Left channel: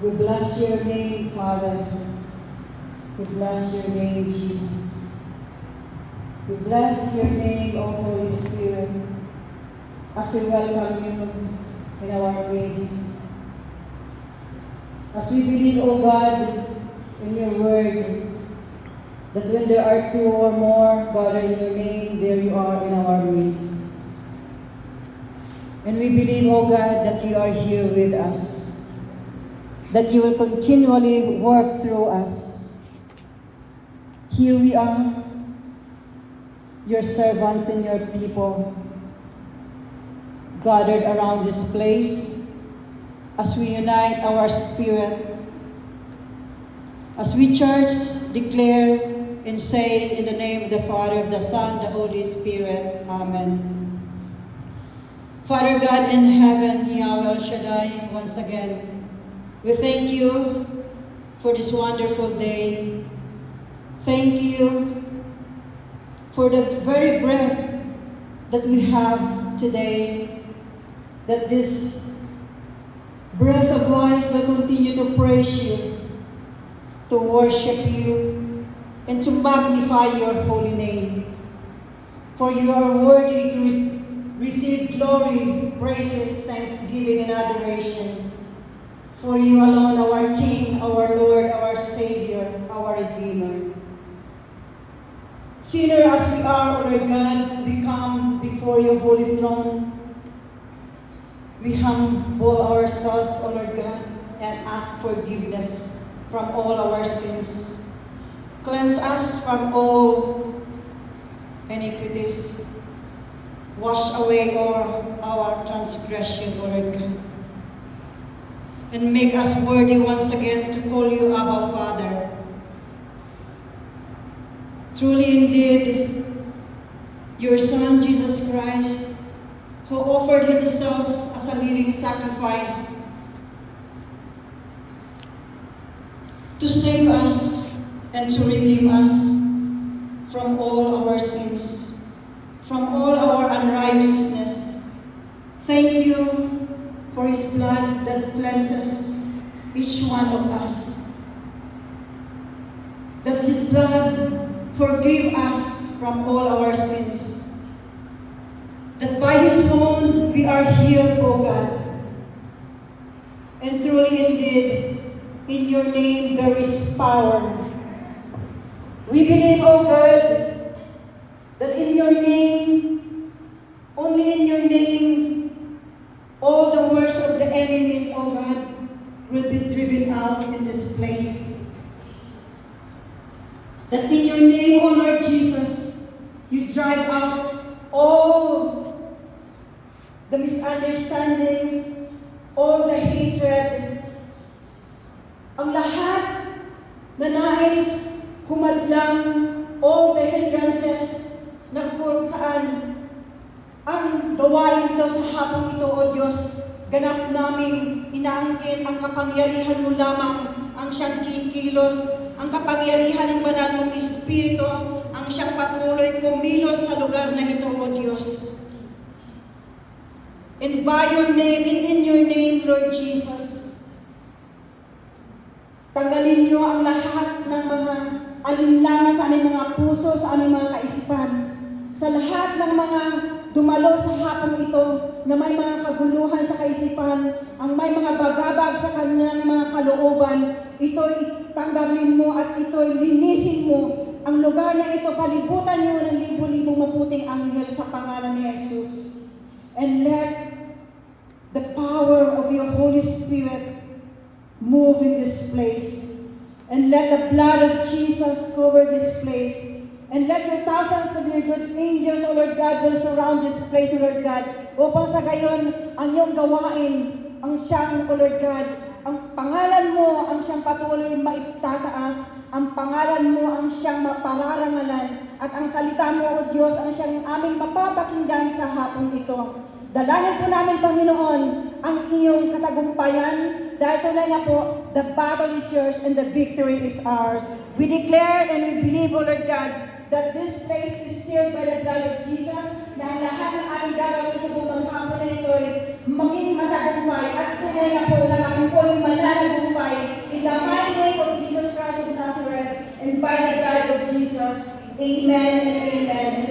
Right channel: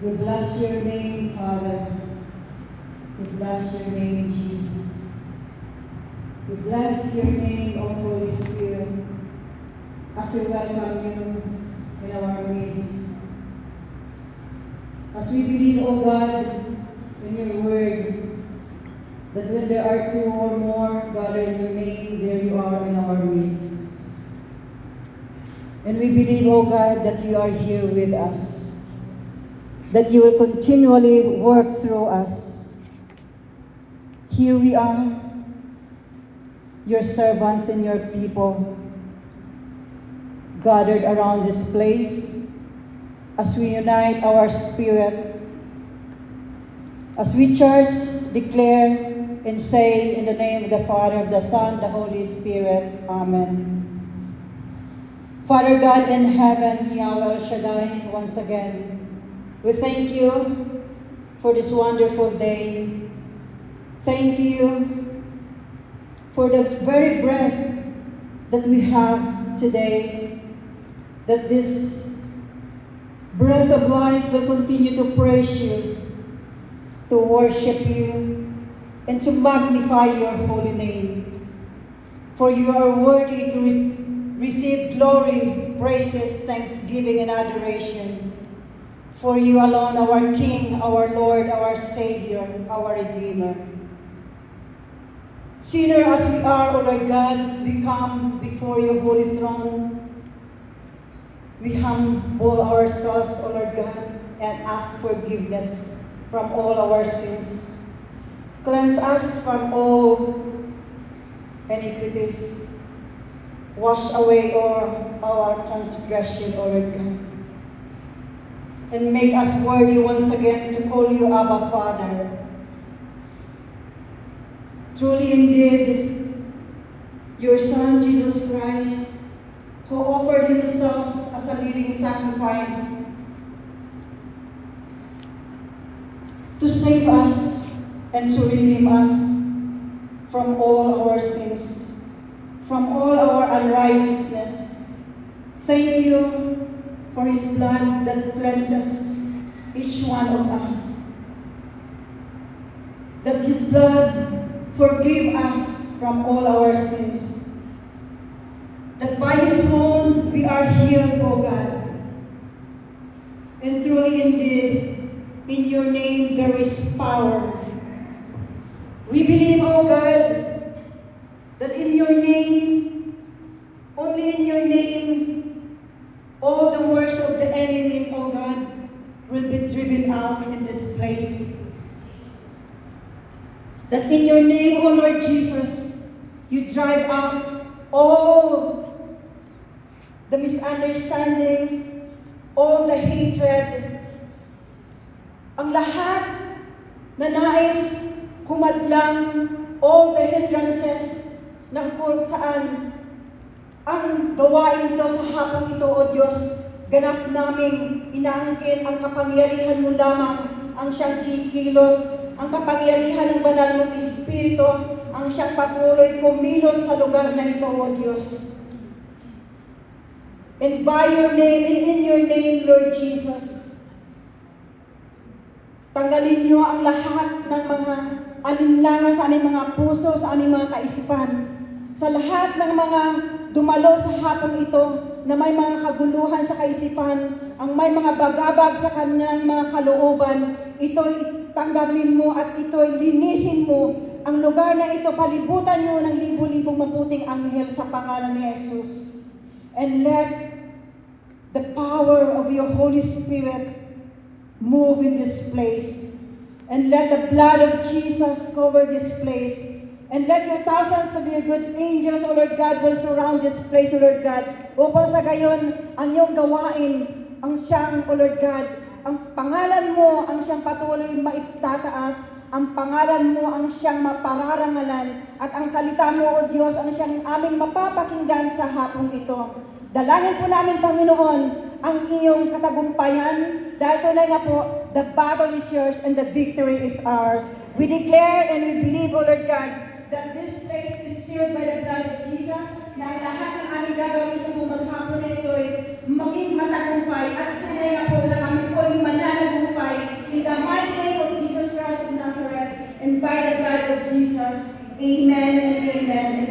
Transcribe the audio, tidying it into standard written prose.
We bless your name, Father. We bless your name, Jesus. We bless your name, O Holy Spirit, as we welcome you in our midst. As we believe, O God, in your word, that when there are two or more gathered in your name, there you are in our midst. And we believe, O God, that you are here with us, that you will continually work through us. Here we are, your servants and your people, gathered around this place as we unite our spirit, as we church declare and say in the name of the Father, the Son, the Holy Spirit. Amen. Father God in heaven, Yahweh El Shaddai, once again, we thank you for this wonderful day. Thank you for the very breath that we have today, that this breath of life will continue to praise you, to worship you, and to magnify your holy name. For you are worthy to receive glory, praises, thanksgiving, and adoration. For you alone, our King, our Lord, our Savior, our Redeemer. Sinner as we are, O Lord God, we come before your holy throne. We humble ourselves, O Lord God, and ask forgiveness from all our sins. Cleanse us from all iniquities. Wash away all our transgression, O Lord God. And make us worthy once again to call you Abba Father. Truly indeed, your Son, Jesus Christ, who offered himself as a living sacrifice to save us and to redeem us from all our sins, from all our unrighteousness. Thank you for his blood that cleanses each one of us. That his blood forgive us from all our sins. That by his wounds we are healed, O God. And truly indeed, in your name there is power. We believe, O God, that in your name, only in your name, all the works of the enemies, O God, will be driven out in this place. That in your name, O Lord Jesus, you drive out all the misunderstandings, all the hatred, ang lahat na nais humadlang, all the hindrances na kung saan ang gawain ito sa hapong ito, O Diyos, ganap namin inaangkin ang kapangyarihan mo lamang ang siyang kikilos, ang kapangyarihan ng banal mong Espiritu, ang siyang patuloy kumilos sa lugar na ito, O Diyos. And by your name, and in your name, Lord Jesus, tanggalin niyo ang lahat ng mga alinlangan sa aming mga puso, sa aming mga kaisipan, sa lahat ng mga dumalo sa hapong ito na may mga kaguluhan sa kaisipan, ang may mga bagabag sa kanilang mga kalooban, ito'y tanggapin mo at ito'y linisin mo. Ang lugar na ito, palibutan mo ng libo-libong maputing anghel sa pangalan ni Jesus. And let the power of your Holy Spirit move in this place. And let the blood of Jesus cover this place. And let your thousands of your good angels, O Lord God, will surround this place, O Lord God, upang sa gayon, ang iyong gawain, ang siyang, O Lord God, ang pangalan mo, ang siyang patuloy maitataas, ang pangalan mo, ang siyang mapararangalan, at ang salita mo, O Diyos, ang siyang aming mapapakinggan sa hapong ito. Dalangin po namin, Panginoon, ang iyong katagumpayan, dahil tunay nga po, the battle is yours and the victory is ours. We declare and we believe, O Lord God, that this place is sealed by the blood of Jesus, na ang lahat ng aming gagawin sa buong hapon na ito ay maging matagumpay at tunay nga po na kami po ay mananagumpay by the blood of Jesus. Amen and amen.